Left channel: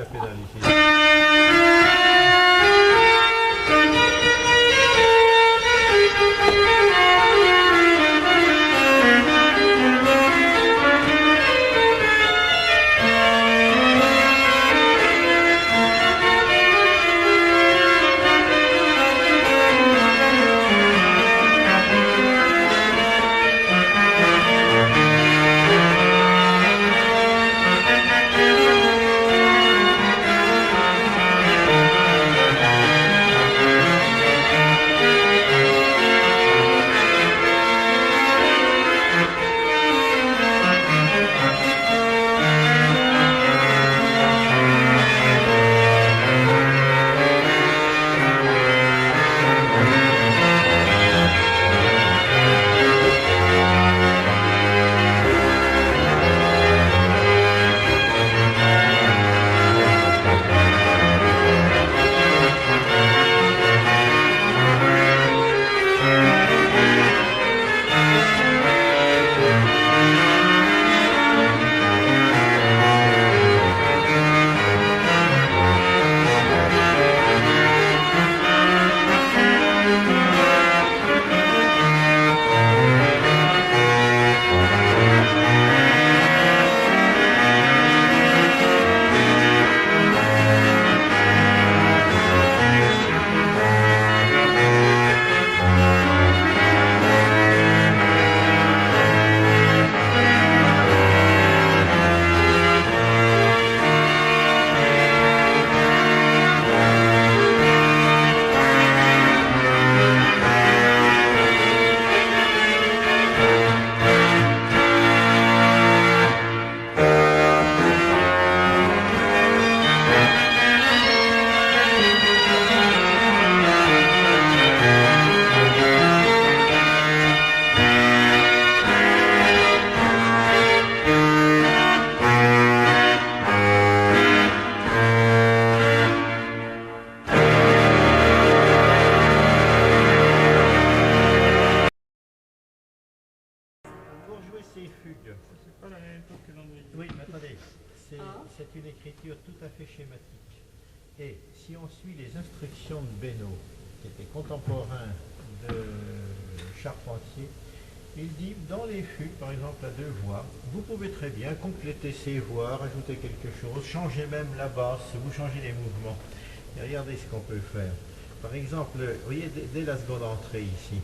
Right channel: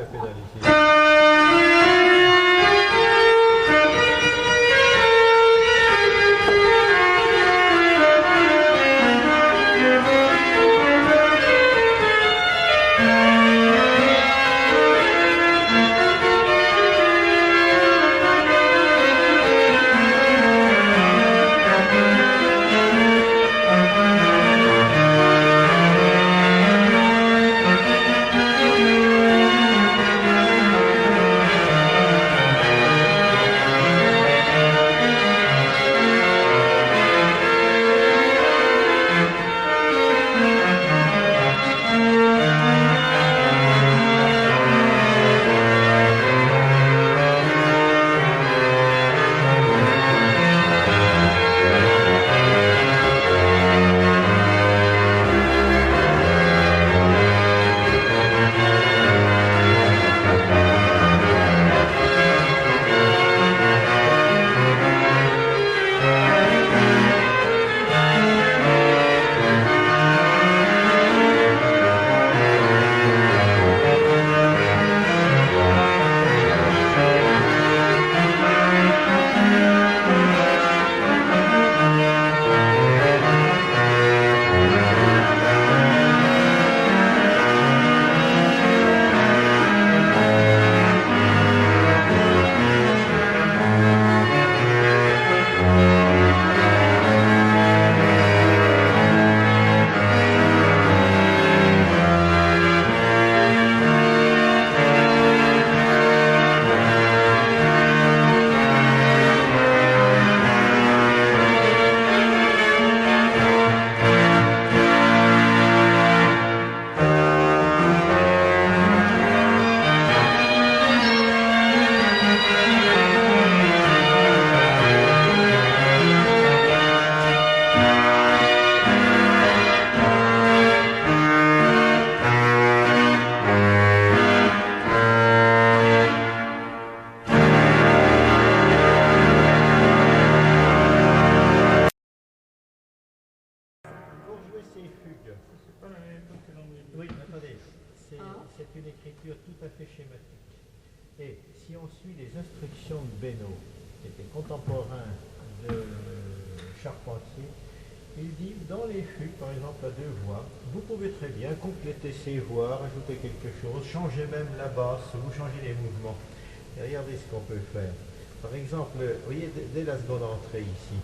à pédale ici. Ces fugues. C'est pas la même époque que l'André. Oui, mais attendez, c'est une écriture tout à fait schématique. Et si on suit les instructions de Beno, qui était contemporain de Charpentier, il dit dans les fugues, par exemple à deux voix, vous pouvez très bien compléter ces voix, rajouter quelque chose, changer même la basse, vous changez les mouvements. Et regardez ce qu'on peut faire. Par exemple, vous voyez, dès la seconde entrée ici.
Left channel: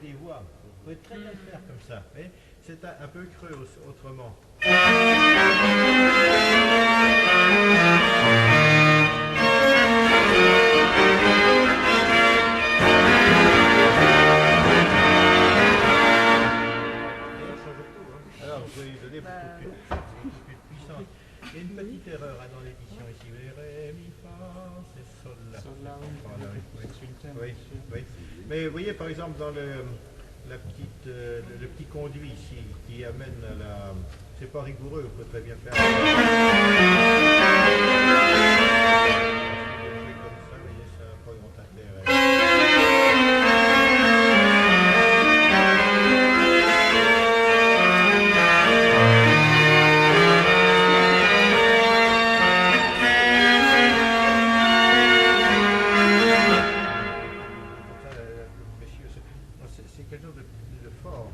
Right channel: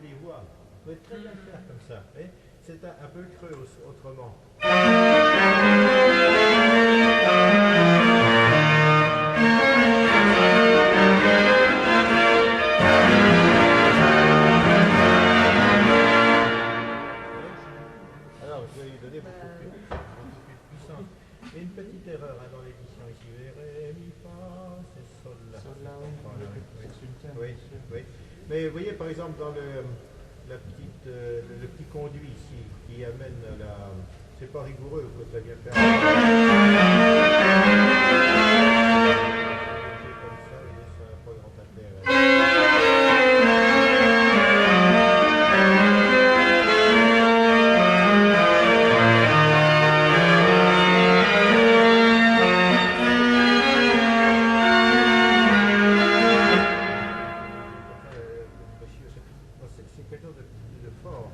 Des voix, vous pouvez très bien le faire comme ça, c'est un peu creux autrement. Alors vous allez lui donner beaucoup plus de puissance. Il y a une petite erreur dans l'édition ici, vous voyez, ré, mi, fa, c'est sol, la. Sol, la, oui. C'est une thème. Oui, oui. Mais vous voyez par exemple dans le petit conduit ici qui amène à la. C'est pas rigoureux, il faut très bien faire. Jouer comme ça, vous voyez, ça n'a pas grand intérêt. C'est quelque chose de fort.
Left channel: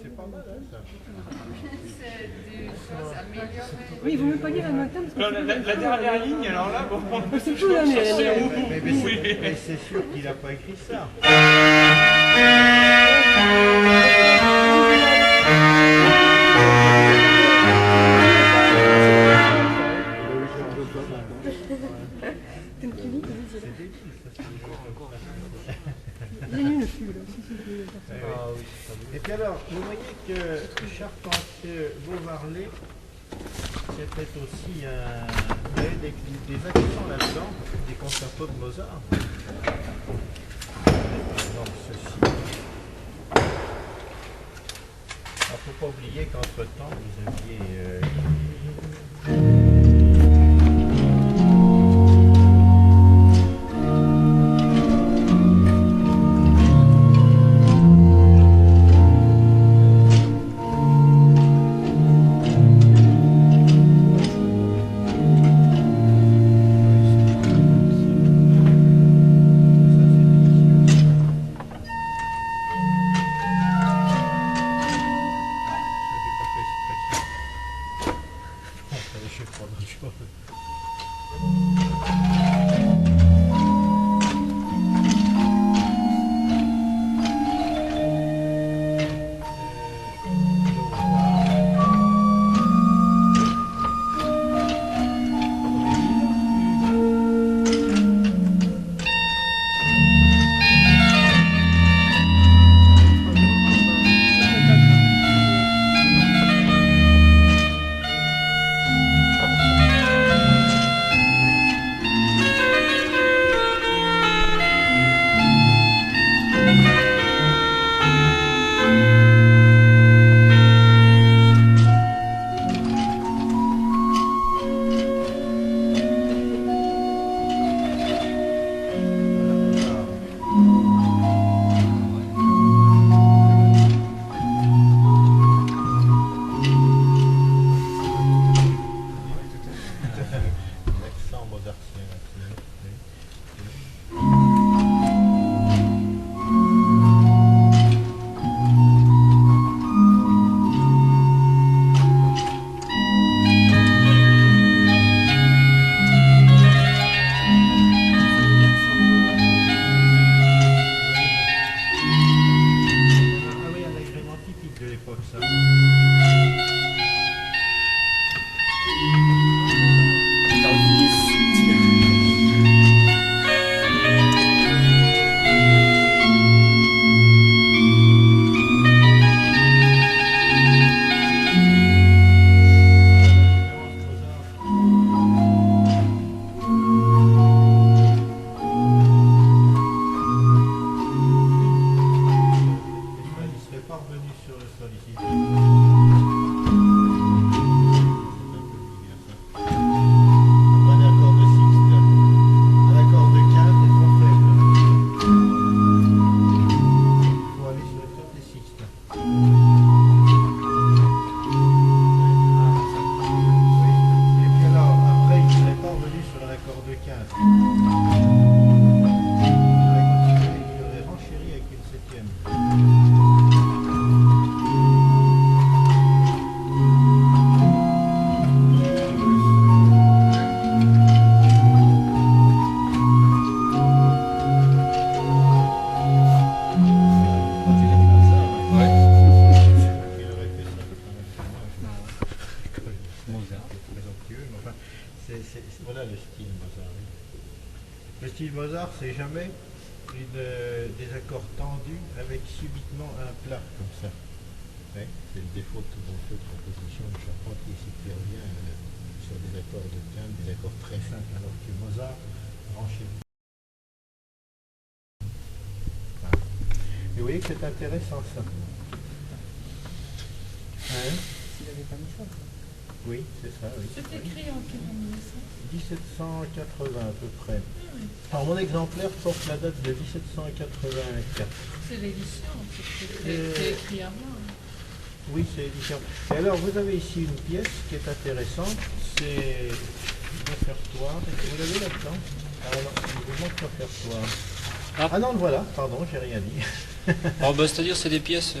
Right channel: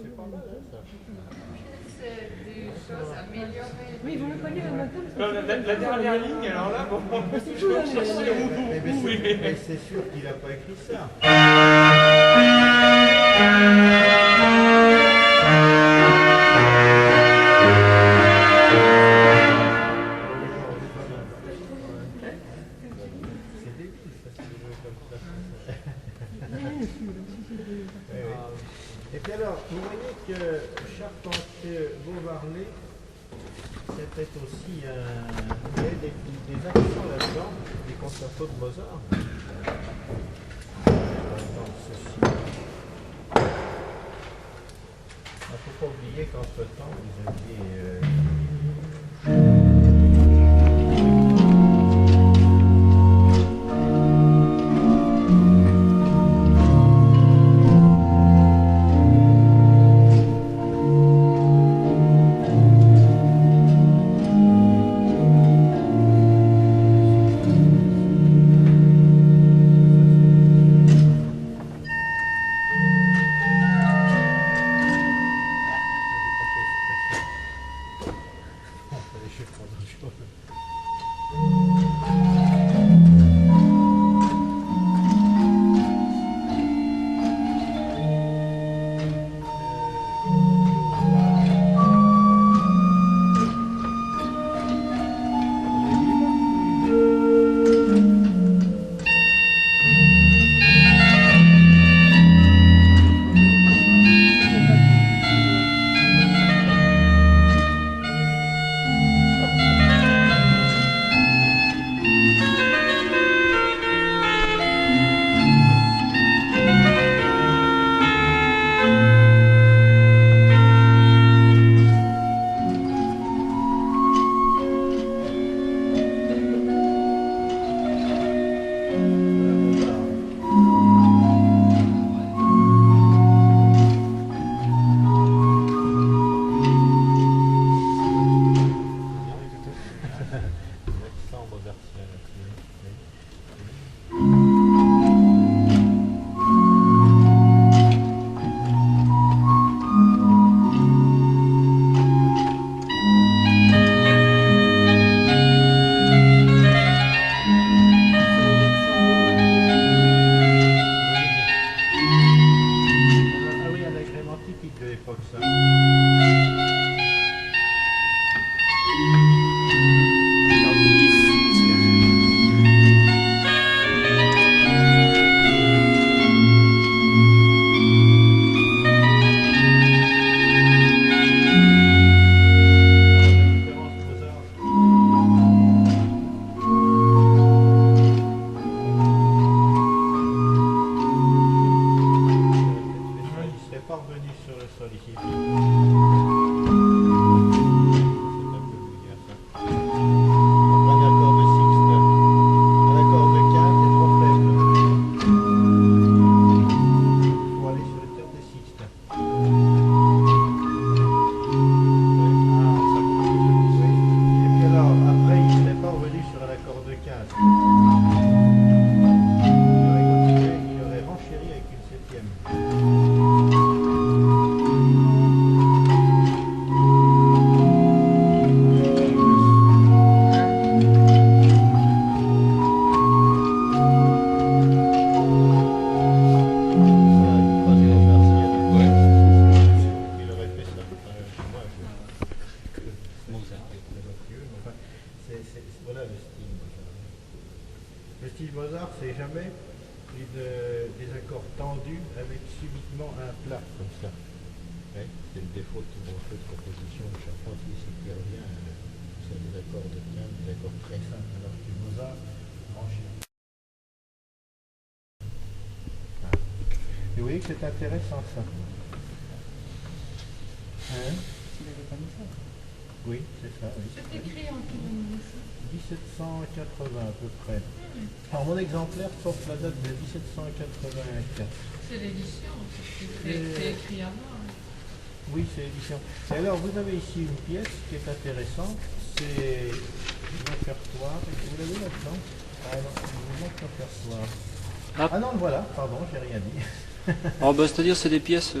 C'est pas mal, hein, ça. C'est des choses améliorées. Oui, il vaut mieux pas lire un matin parce que Alors, la dernière ligne, alors là, bon. c'est tout, hein, Mais c'est sûr qu'il n'a pas écrit ça. C'est débile, ça, c'est des jeux comme ça. j'ai lu le flux, là. Oui, oui. Et puis alors, vous voyez que Charpentier-Beauvarlais, c'était aussi il y avait des accents là-dedans, des concertos de Mozart. Par exemple ceci. Il ne faut pas oublier qu'entre-temps, vous aviez l'accent mozartien là-dessus. Ah oui, un agrément typique de l'époque, ça. Il serait pas revenu sur le sol ici. C'est un peu vulgaire ça. Après un accord de sixte, un accord de quinte est trop faible. Il faut aller sur le terme des sixtes. Oui. Et puis alors, après, il serait pas revenu sur un accord de quinte. Il aurait continué, il aurait renchéri avec une septième. Voilà le style Mozart. Le style Mozart, c'est jamais des accords tendus avec subitement un plat comme ça. Ouais, c'est le défaut de tout bon feu de composition de Charpentier, c'est qu'il revient sur des accords de quinte, des accords très simples, alors que Mozart renchérit. Voilà. Et vous voyez que c'est intéressant ça. Hein? Il n'avait pas mis ça. Oui, c'est ça, oui. C'est écrit en quelle année ça? 1780 à peu près. Alors mon exemplaire porte la date de 1784. C'est l'édition, c'est écrit avant. Oui, c'est l'édition. Et alors vous avez ici une pièce qui est intéressante, c'est le répertoire. Vous l'avez là-dedans? Ah non, il vous manque le répertoire. Ah non, le voilà, pardon, j'ai rien dit. Alors, bah, c'est-à-dire c'est des pièces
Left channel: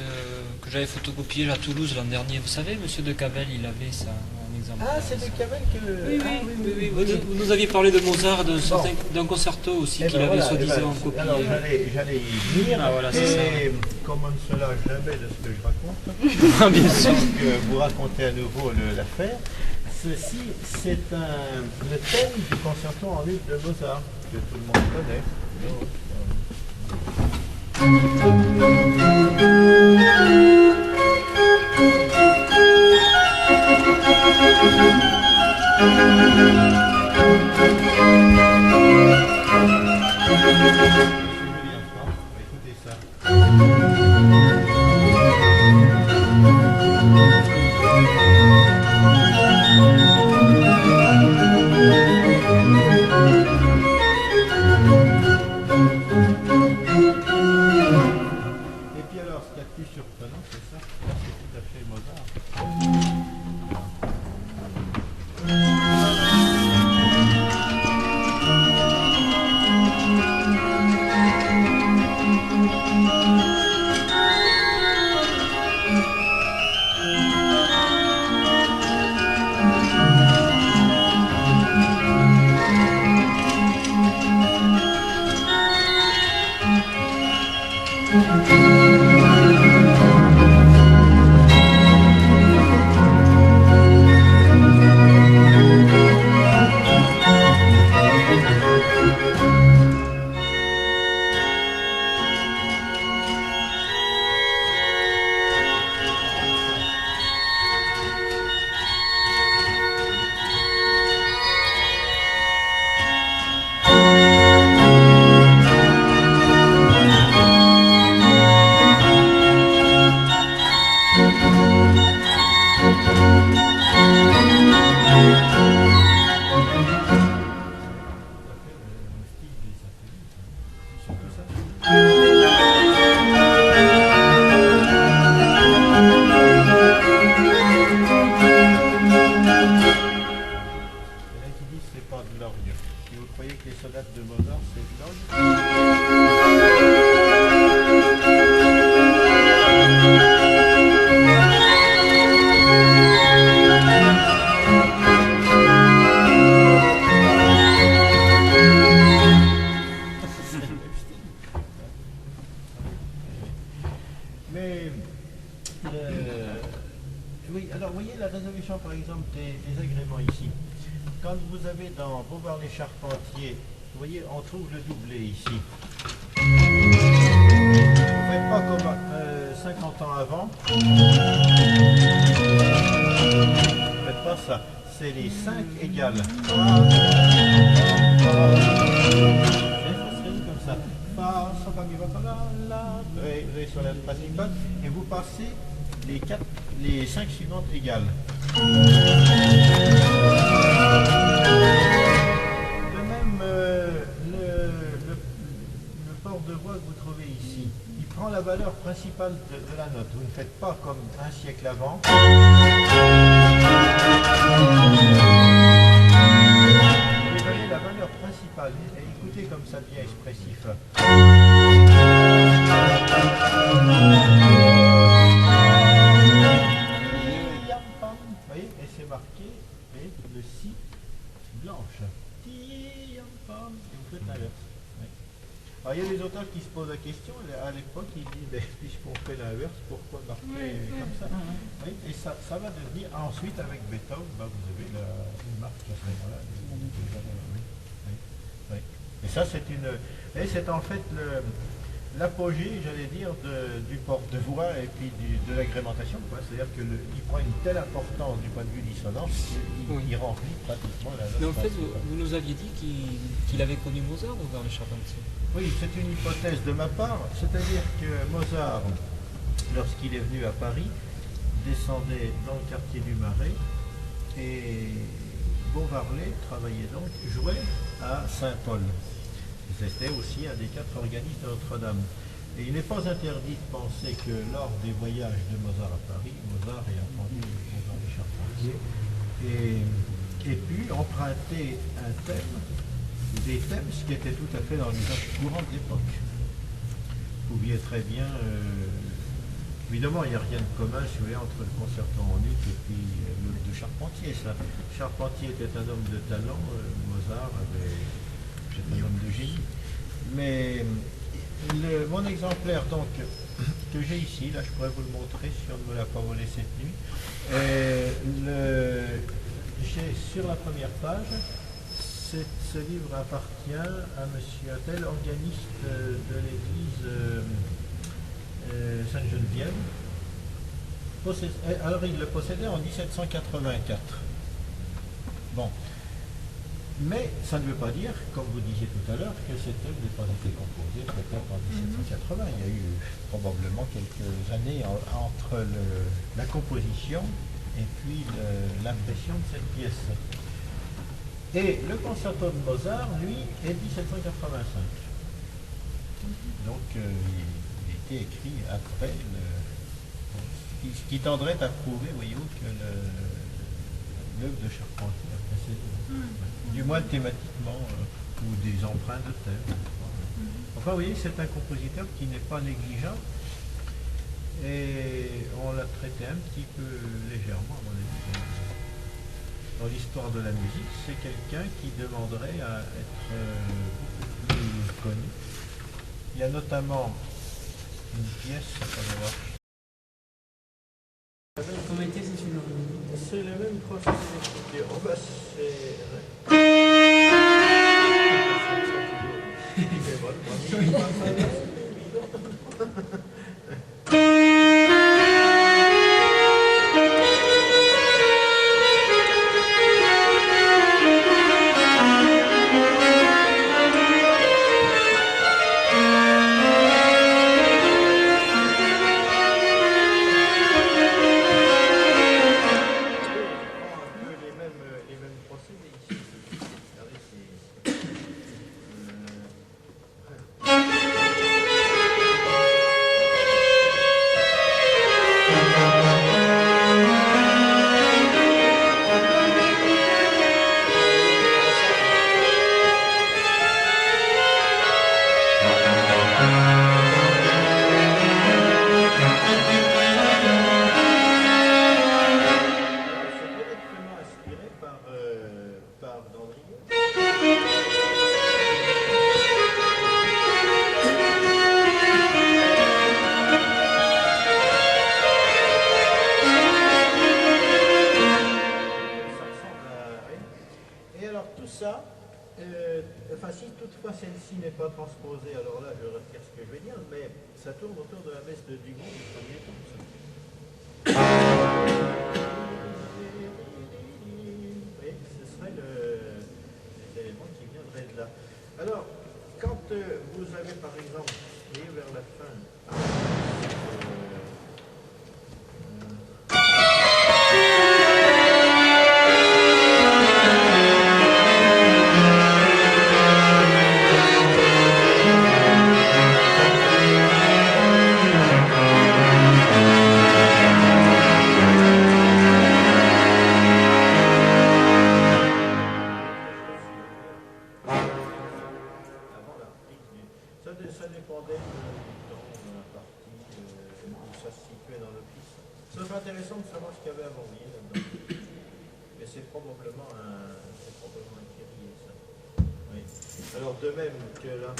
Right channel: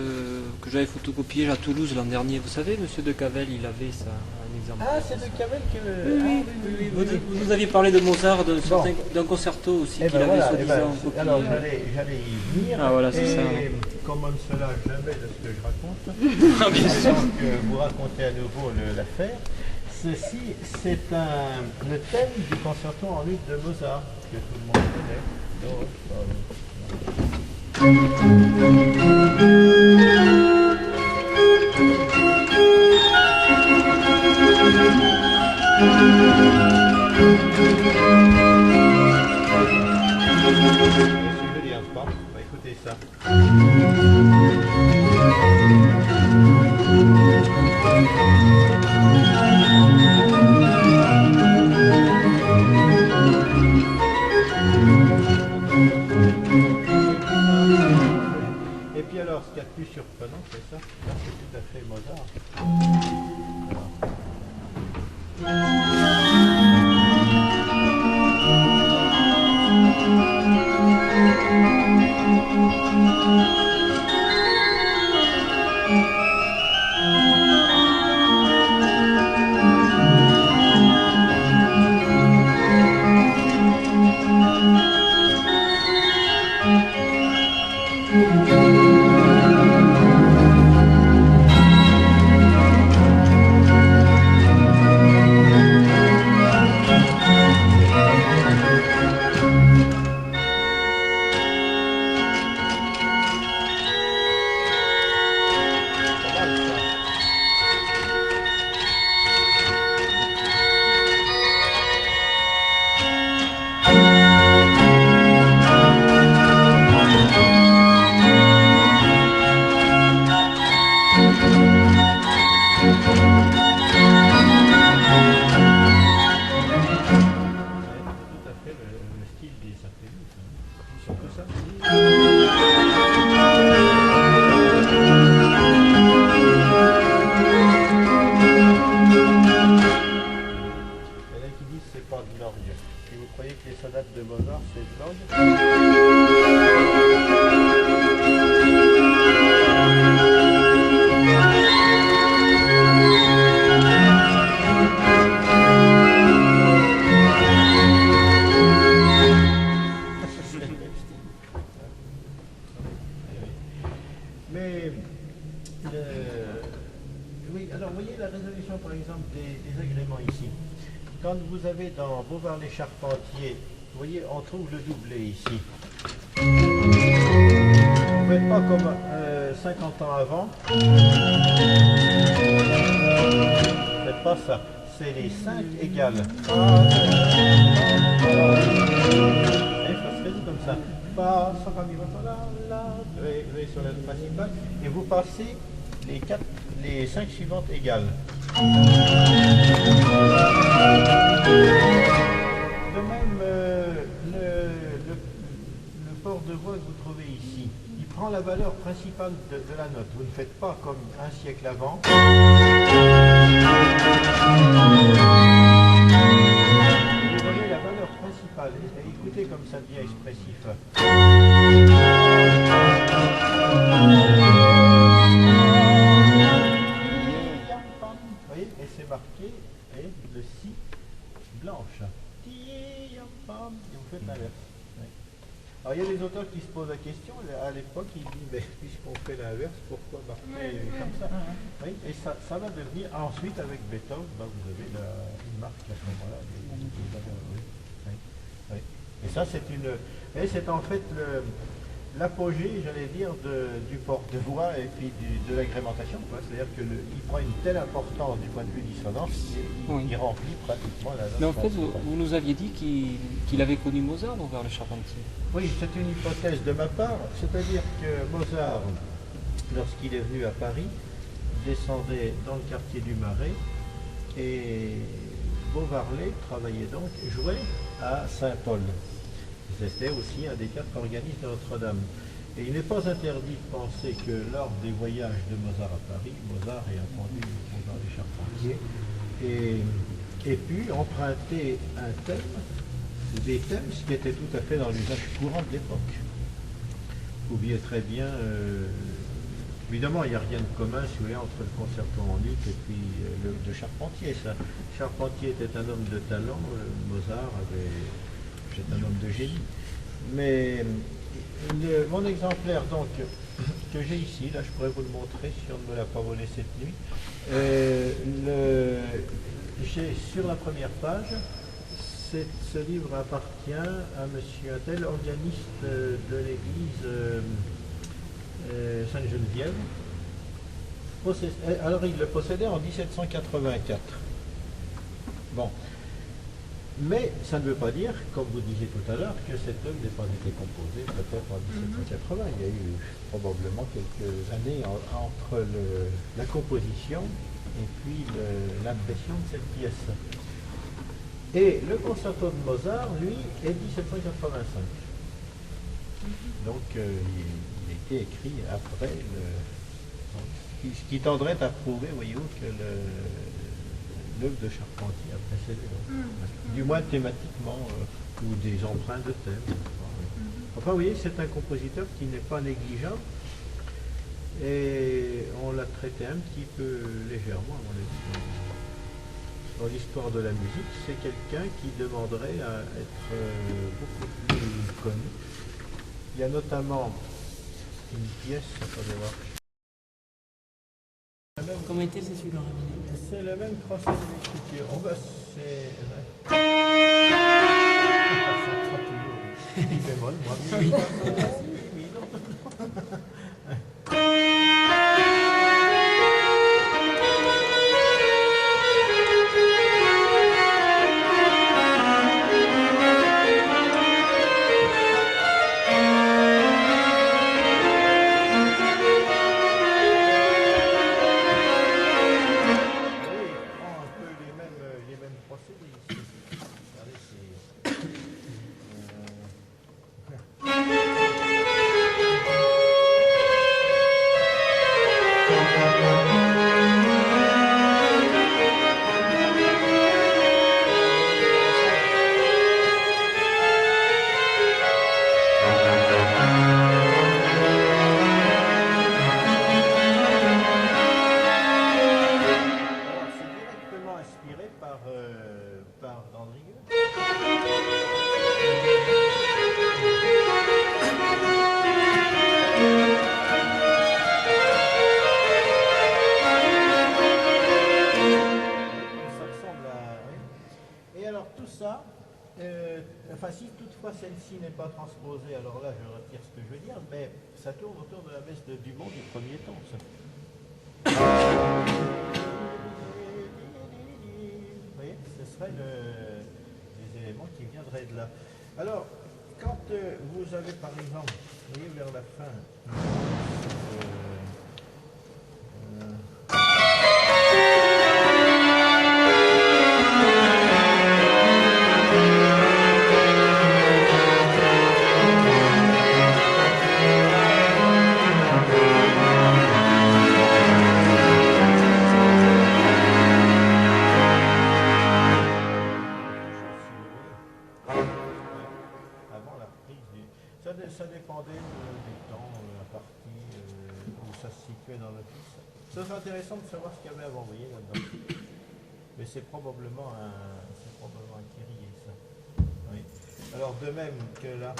que j'avais photocopiées à Toulouse l'an dernier. Vous savez, Monsieur de Cavel, il avait ça, un exemple. Ah, c'est de Cavel que... Oui, Ah, vous nous aviez parlé de Mozart, d'un concerto aussi Eh qu'il ben avait voilà, soi-disant copié. alors j'allais y venir, Ah, voilà, c'est et comme on ne se lâche jamais de ce que je raconte, Bien sûr. donc vous racontez à nouveau l'affaire. Ceci, c'est le thème du concerto en luth de Mozart, que tout le monde connaît. Donc, on va écouter ça. Et puis alors, ce qu'il y a de plus surprenant, c'est ça. Ça, c'est tout à fait Mozart. Oui, alors vous voyez la résolution par exemple des agréments ici. Quand vous avez dans Beauvoir les Charpentiers, vous voyez, on trouve le doublet ici. Vous ne faites pas comme 50 ans avant. Vous ne faites pas ça. C'est les 5 égales. Et ça se résout comme ça. Fa, sol, fa, mi, fa, la, la. Vous avez sur la principale. Et vous passez les 5 suivantes égales. De même, le port de voix que vous trouvez ici, il prend la valeur principale de la note. Vous ne faites pas comme un siècle avant. Vous voyez la valeur principale. Et écoutez comme ça devient expressif. Vous voyez, et c'est marqué, et le si blanche. Et vous faites l'inverse. Oui. Alors il y a des auteurs qui se posent la question, à l'époque ils disent, mais puisqu'on fait l'inverse, pourquoi marquer comme ça? Oui, et ça va devenir, ensuite avec Beethoven, vous avez une marque à ce moment-là. Oui. Et ça c'est en fait l'apogée, j'allais dire, du porte-voix et puis de l'agrémentation. C'est-à-dire qu'il prend une telle importance du point de vue dissonance qu'il remplit pratiquement la note. Mais en fait, vous nous aviez dit qu'il avait connu Mozart vers le Charpentier. Oui, c'est une hypothèse de ma part. C'est-à-dire que Mozart, lorsqu'il est venu à Paris, descendait dans le quartier du Marais et Beauvarlet travaillait donc, jouait à Saint-Paul. C'était aussi un des 4 organistes de Notre-Dame. Et il n'est pas interdit de penser que lors des voyages de Mozart à Paris, Mozart ait entendu Beauvoir les Charpentiers et puis emprunter un thème, ou des thèmes, ce qui était tout à fait dans l'usage courant de l'époque. pouviez très bien... évidemment, il n'y a rien de commun, si vous voulez, entre le concerto en ut et puis l'œuvre de Charpentier. Ça. Charpentier était un homme de talent, Mozart était un homme de génie. Mais mon exemplaire, donc, que j'ai ici, là, je pourrais vous le montrer si on ne me l'a pas volé cette nuit. J'ai sur la première page, ce livre appartient à monsieur un tel, organiste de l'église Sainte-Geneviève. Alors il le possédait en 1784. Bon. Mais ça ne veut pas dire, comme vous disiez tout à l'heure, que cette œuvre n'ait pas été composée peut-être en 1780. Il y a eu probablement quelques années entre la composition et puis l'impression de cette pièce. Et le concerto de Mozart, lui, est 1785. Donc il a été écrit après ce qui tendrait à prouver, voyez-vous, que l'œuvre de Charpentier a précédé. Du moins thématiquement, ou des emprunts de thème. Enfin, vous voyez, c'est un compositeur qui n'est pas négligent, et on l'a traité un petit peu légèrement, à mon avis. Dans l'histoire de la musique, c'est quelqu'un qui demanderait à être beaucoup plus connu. Il y a notamment une pièce, attendez voir. Comment était c'est celui-là? C'est le même procédé d'écriture. Oh ben c'est... Il fait vol, moi. Enfin, si toutefois celle-ci n'est pas transposée, alors là je retire ce que je veux dire, mais ça tourne autour de la messe de Dumont du premier temps. Ça. Oui, ce serait les éléments qui viendraient de là. Alors, quand vous avez par exemple, vous voyez vers la fin, ça dépendait du temps, de la partie où ça se situait dans l'office. Ce serait intéressant de savoir ce qu'il y avait avant, vous voyez, là-dedans. Mais c'est probablement un Kyrie, ça. Oui. Alors, de même que là...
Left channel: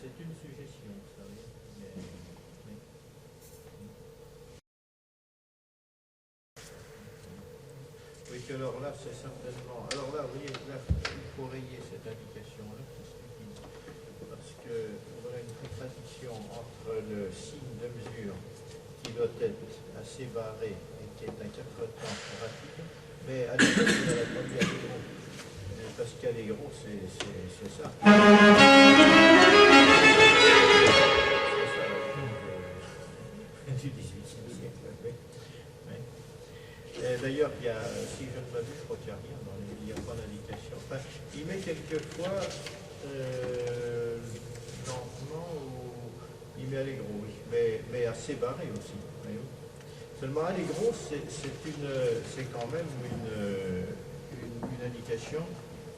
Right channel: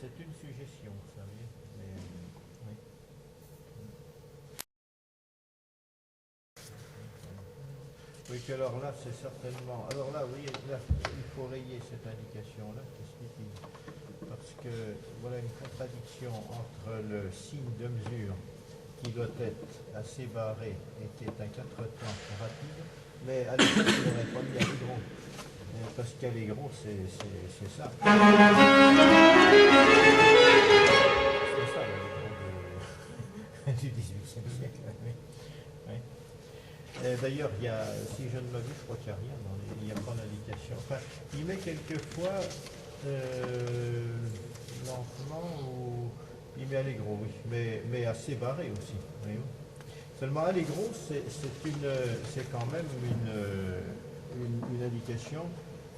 C'est une suggestion, vous savez. Mais, oui. Oui, que alors là, c'est certainement... Alors là, vous voyez, là, il faut rayer cette indication-là, parce que voilà une contradiction entre le signe de mesure qui doit être assez barré et qui est un 4 temps rapide, mais à l'époque, il n'aurait pas mis à des gros. Parce qu'à les gros, c'est ça. du XVIIIe siècle. Oui. Oui. Et d'ailleurs, il y a, si je ne m'abuse, je crois qu'il n'y a rien, il n'y a pas d'indication. Enfin, il met quelquefois lentement ou il met Allegro, oui, mais assez barré aussi. Voyez-vous. Seulement Allegro, c'est quand même une indication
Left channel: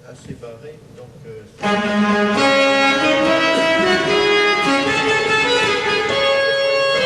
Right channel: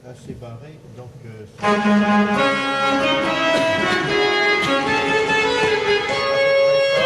assez barrée, donc c'est à peu près ça.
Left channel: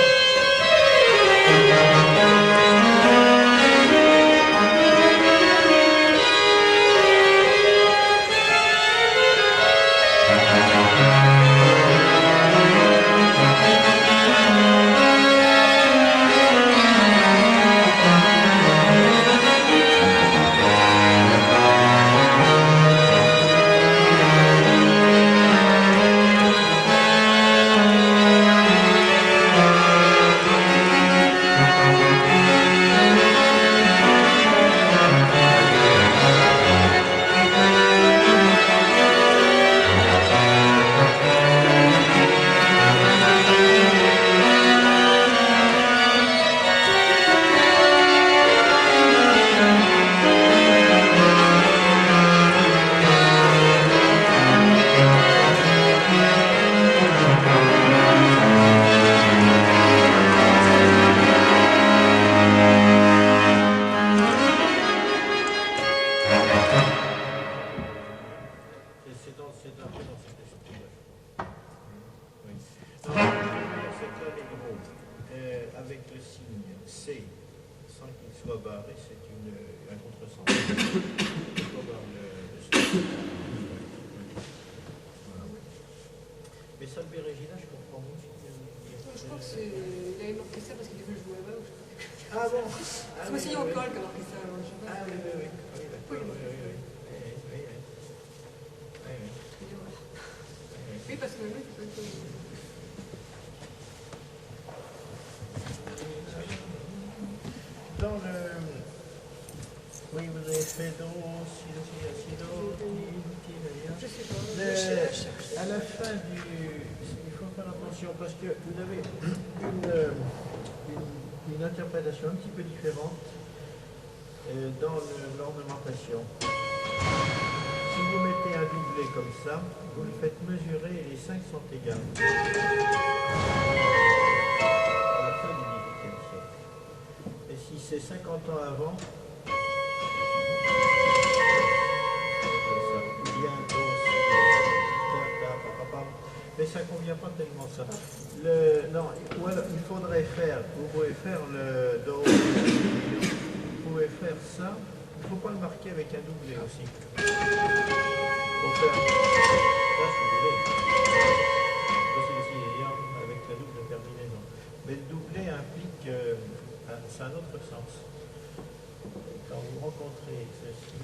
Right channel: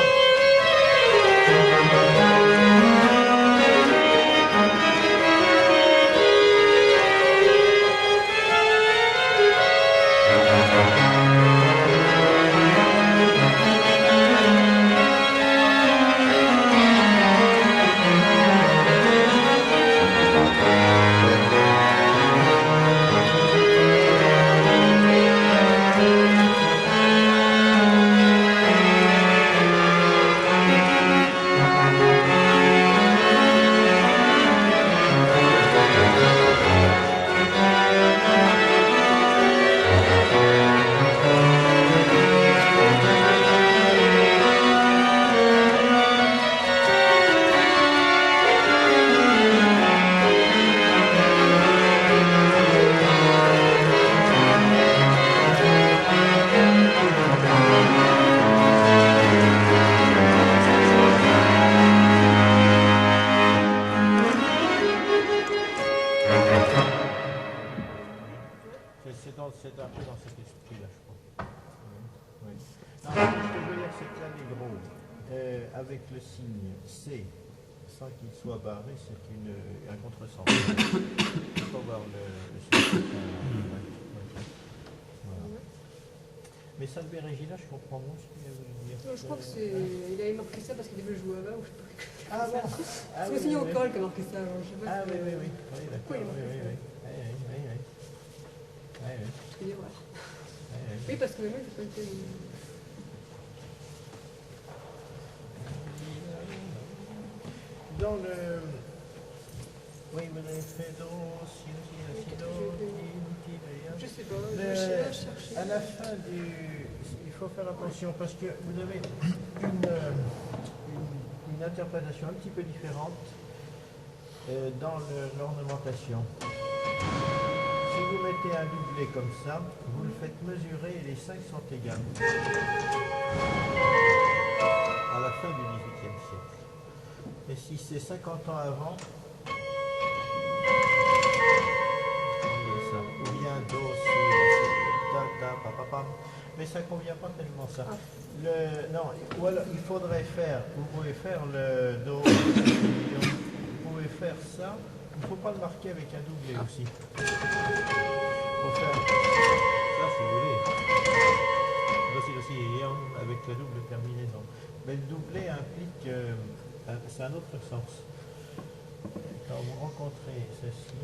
C'est un peu dans cet esprit-là, je crois. Oui. Non, ce que je veux dire, c'est que l'allegro, avec le signe C, sans qu'il soit barré, c'est un contresens. Il ne faut pas voir le voilà. Mais Salve Regina, je comprends moins ce qu'il veut dire. Je crois qu'il avait marqué ça parce qu'il veut jouer là-bas. Ah bon. C'est mon signe en colle qui a marqué ça. Alors, je sais pas Ah si- oui, oui, oui. Oui, d'accord. Oui, oui, oui. Je vais voir. Oui, parce que oui, c'est pas que... Dans le... Oui, vous avez fait do, si, do, ti, ti, d'ailleurs. Je sais pas, Le- je cherche. À la fin du... Il faut faire attention parce que vous avez une interprétation un petit peu différente dans l'ornementation. Si vous mettez un doublet comme ça, vous le faites mesurer et les 5 sont égales. À la fin du XVIIIe siècle. Et si c'est 50 ans avant, ça, ou bien do, si, ta, ta, pa, pa, pam. Mais ça ne convient pas tellement ça. Non, ou alors, il faudrait faire, vous pouvez faire le do, vous pouvez faire ça, il ne faut pas le marquer avec un doublet aussi. Pour faire ça, si vous voulez. Voici aussi avec la double terminaison. Mais le doublet implique, c'est un autre sens. Quand vous rencontrez ceci,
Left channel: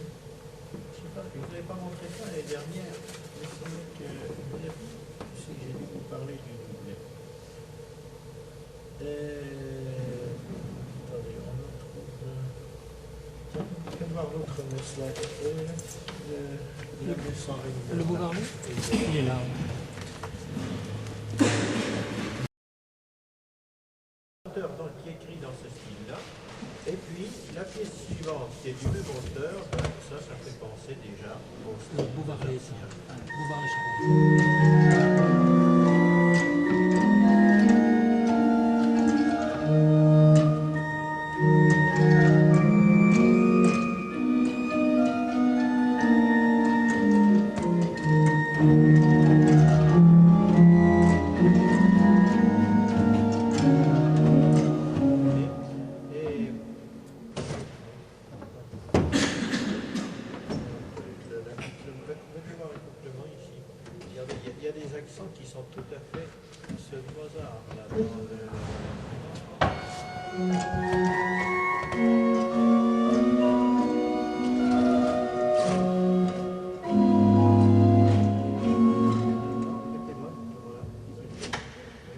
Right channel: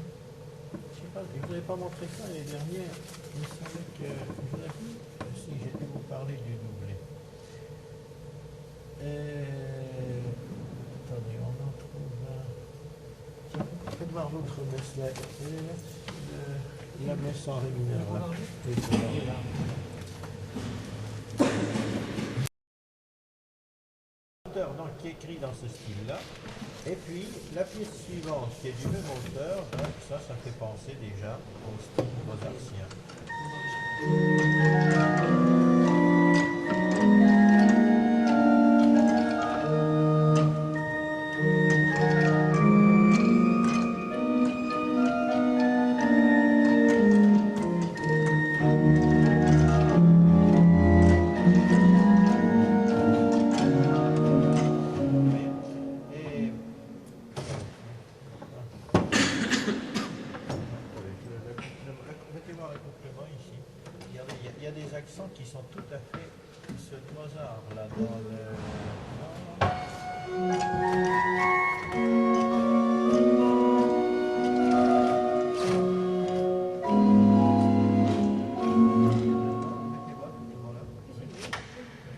je ne sais pas, je ne vous avais pas montré ça l'année dernière. Il me semblait que je l'ai vu. Si, j'ai dû vous parler du doublet. Attendez, on en trouve. Tiens, faites voir l'autre messe là. La messe en ré mineur. Le beau là. Varlou Et le beau Il est là. donc, qui est écrit dans ce style-là. Et puis, la pièce suivante, qui est du même auteur, ben, ça fait penser déjà au style mozartien. Et mettez voir l'accouplement ici. Regardez, il y a des accents qui sont tout à fait ceux de Mozart là dans mettez voir l'accouplement là. Oui,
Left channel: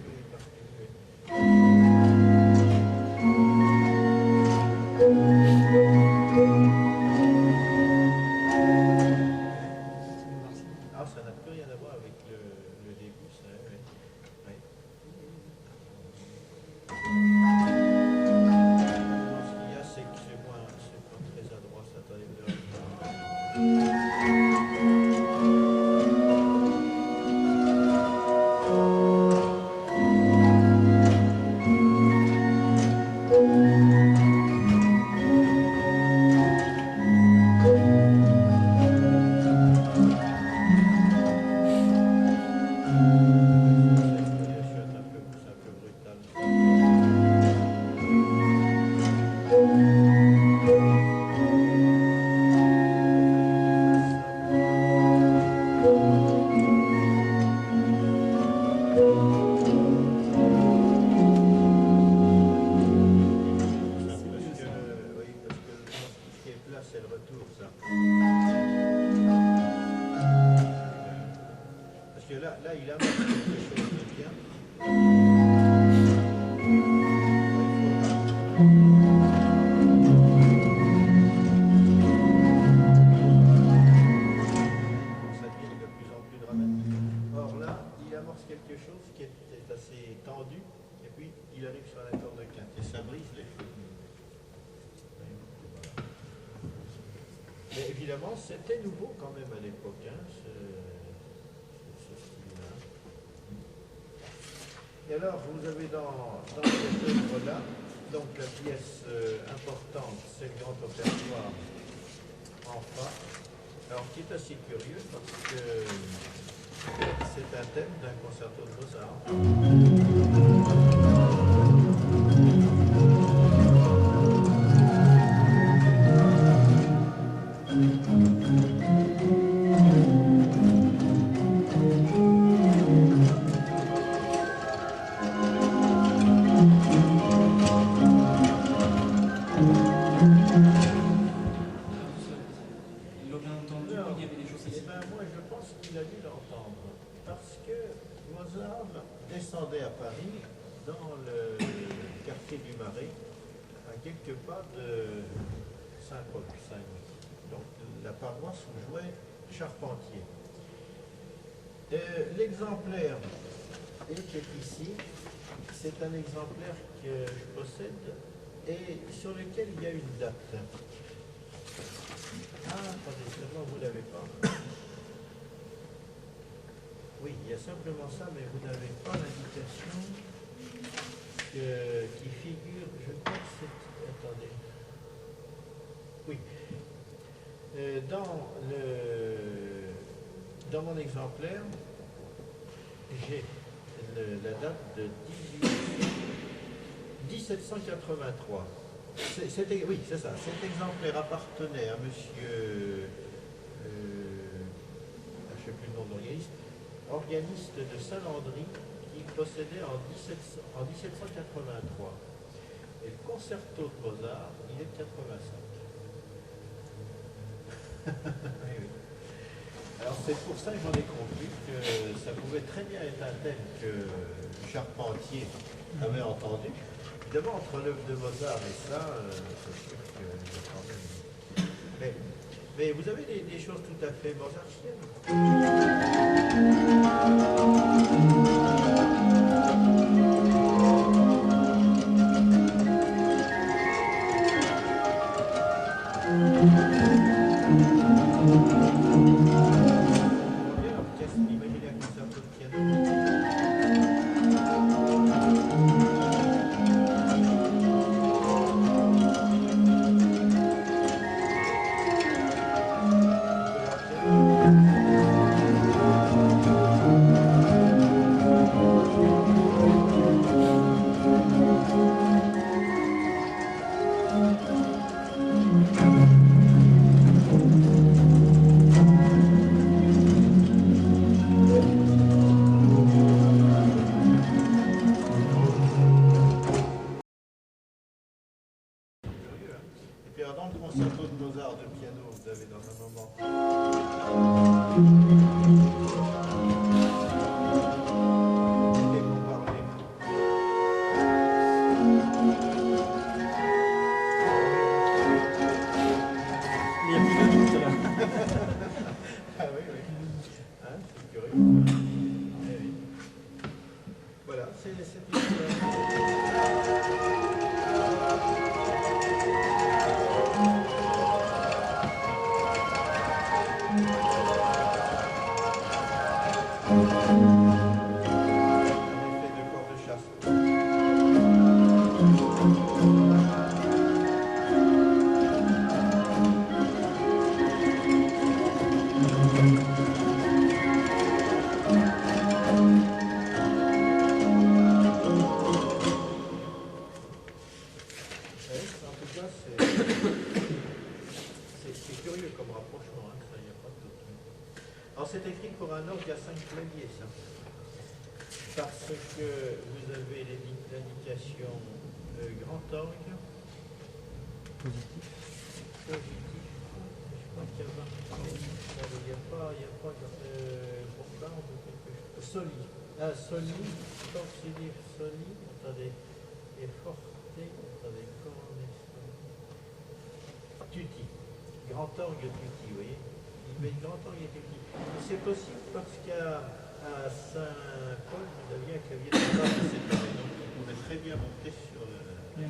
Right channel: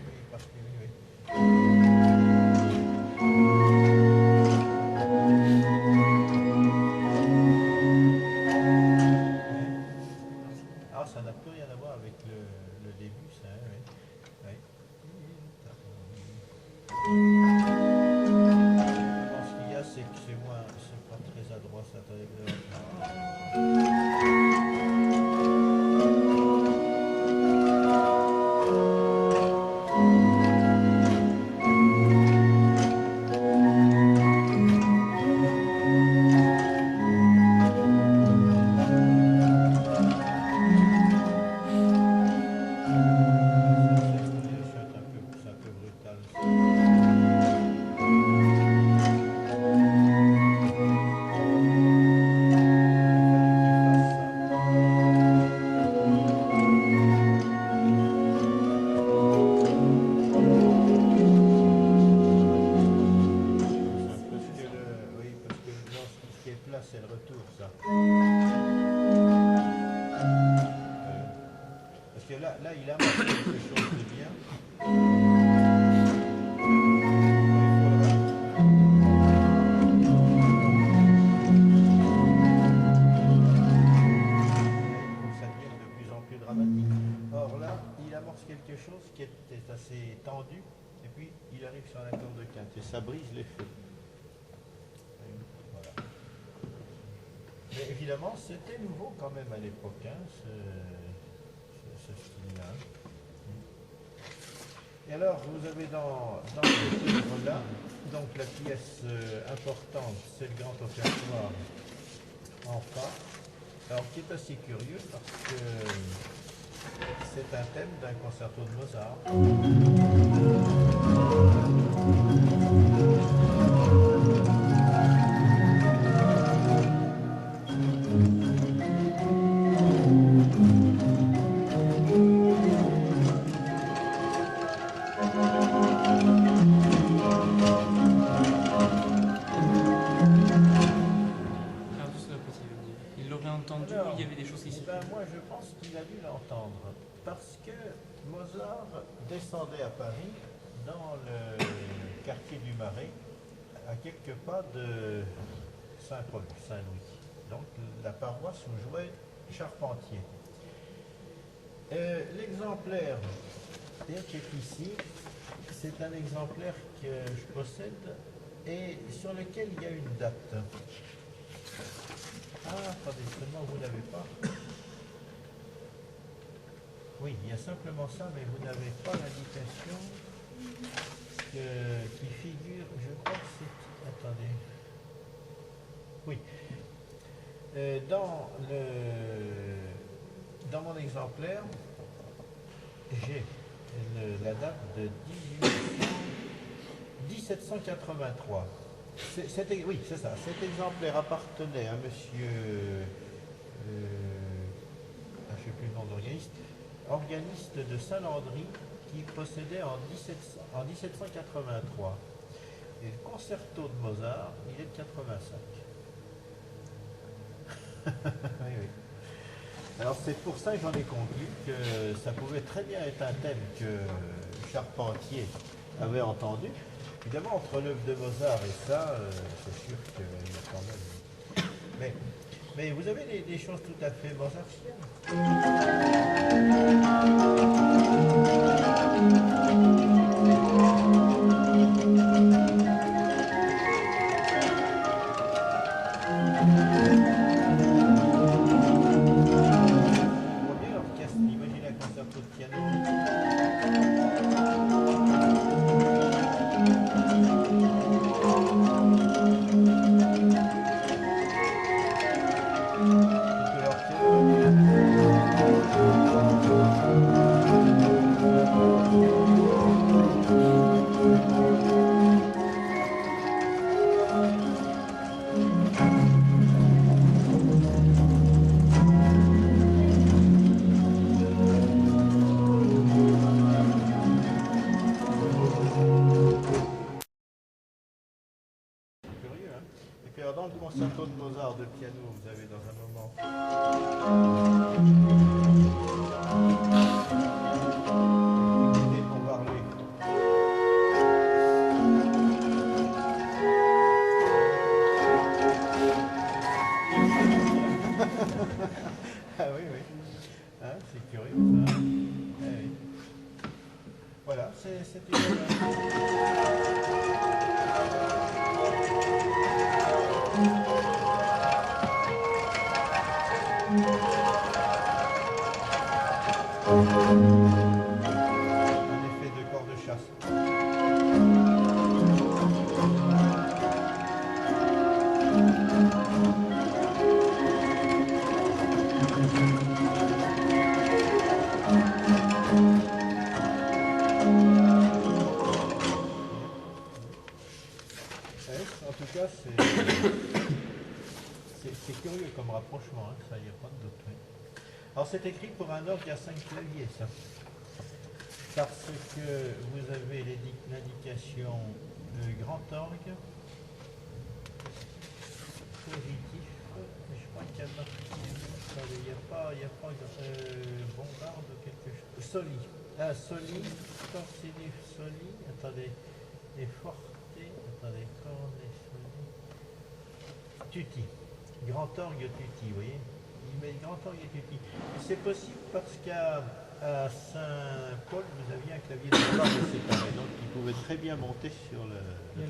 il est parti, oui. Ah, ça n'a plus rien à voir avec le début, ça, oui. Oui. là, il amorce quelque chose de bien. Il faudra. Ça devient de plus en plus dramatique. Or là, il amorce quelque chose qui était assez tendu, et puis il arrive sur un accord de quinte, et ça brise l'effet. Voilà. Mais évidemment, c'était nouveau quand même à l'époque, hein, ce style-là. Et alors, vous avez dans cette œuvre-là, donc la pièce importante, c'est le grand offertoire en fa, alors qui est assez curieux parce que c'est un thème d'un concerto de Mozart. Moi, je pense qu'il a dû l'entendre, parce que Mozart descendait à Paris, dans le quartier du Marais, à quelques pas de Saint-Paul, Saint-Louis, donc la paroisse où jouait Charpentier. L'exemplaire était ici, c'est un exemplaire que je possède et sur lequel il y a une date. Ah, attendez, seulement vous ne l'avez pas. Oui, il y a simplement ça, mais vous n'avez pas l'indication qui figure, je crois que c'est... Attendez. Oui. Dans mon exemplaire, j'ai la date de 1783. Oui, c'est ça. Cet exemplaire appartenait à monsieur... je ne sais plus le nom de l'organiste. Organiste de Saint-Landry qu'il possédait en 1783. Et le concerto de Mozart, il est de 85. Oui, oui. Alors c'est pour ça que j'en ai conclu que ça pouvait très bien être un thème que Charpentier avait entendu. Évidemment, entre l'œuvre de Mozart et ça, c'est sûr qu'il y a quand même... Mais vous avez des choses tout à fait mozartiennes. On voit bien l'orchestre, imaginez un concerto de piano. Dans le concerto de Mozart de piano, vous avez dans un moment. Et pour parler. Les minutes là. Ah oui, oui. Hein, c'est curieux ça. Ah, oui. Voilà, c'est une œuvre. Un effet de corps de chasse. En tout cas, c'est curieux comme rapprochement, hein, ça, il n'y a pas de doute. Oui. Alors c'est écrit pour un orgue à 5 claviers, ça. Parce que vous avez l'indication grand orgue, positif, positif. Je crois qu'il y a marqué. Il n'y a pas Bombarde ou quelque chose. Soli. Ah, Soli, Corsini Soli. Attendez. Et Forte. Attendez, Corne Soli. Tutti. Grand orgue Tutti, vous voyez. Il met Grand orgue Tutti. Et c'est possible parce qu'à Saint-Paul, vous aviez un clavier de barre séparé, donc il pouvait très bien monter sur le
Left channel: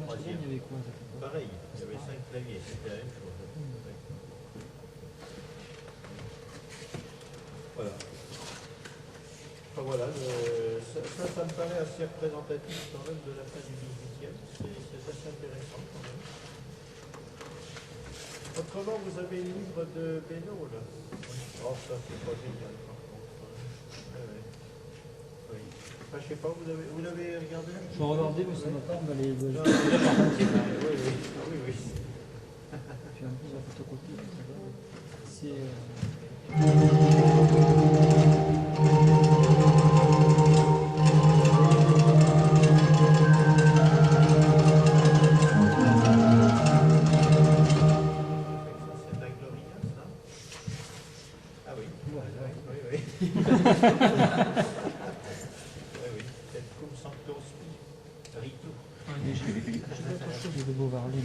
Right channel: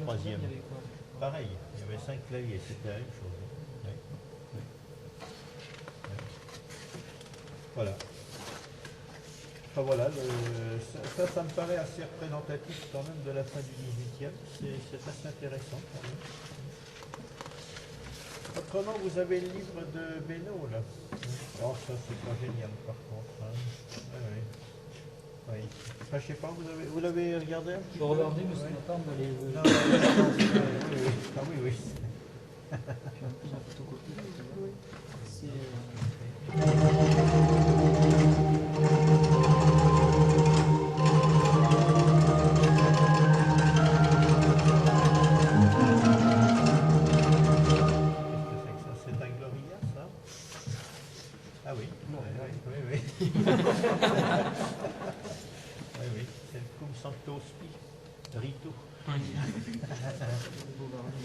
troisième. Il y avait quoi à cette époque? Pareil, il y avait 5 claviers, c'était la même chose. Ouais. Ouais. Ouais. Voilà. Enfin voilà, ça me paraît assez représentatif quand même de la fin du 18e. C'est assez intéressant quand même. Autrement, vous avez le livre de Beno là. Oh, ça c'est pas génial par contre. Hein. Ouais. Oui. Enfin, je sais pas, vous l'avez regardé un petit Je peu? regardais, mais ça ne va pas d'aller. Non, oui. Ah oui. Puis en plus, la photocopie, c'est. C'est un Gloria, ça? Ah oui. Bon, Oui. Oui, c'est le Cum Sancto Spi, Ritu. Je sais pas, de Beauvarley.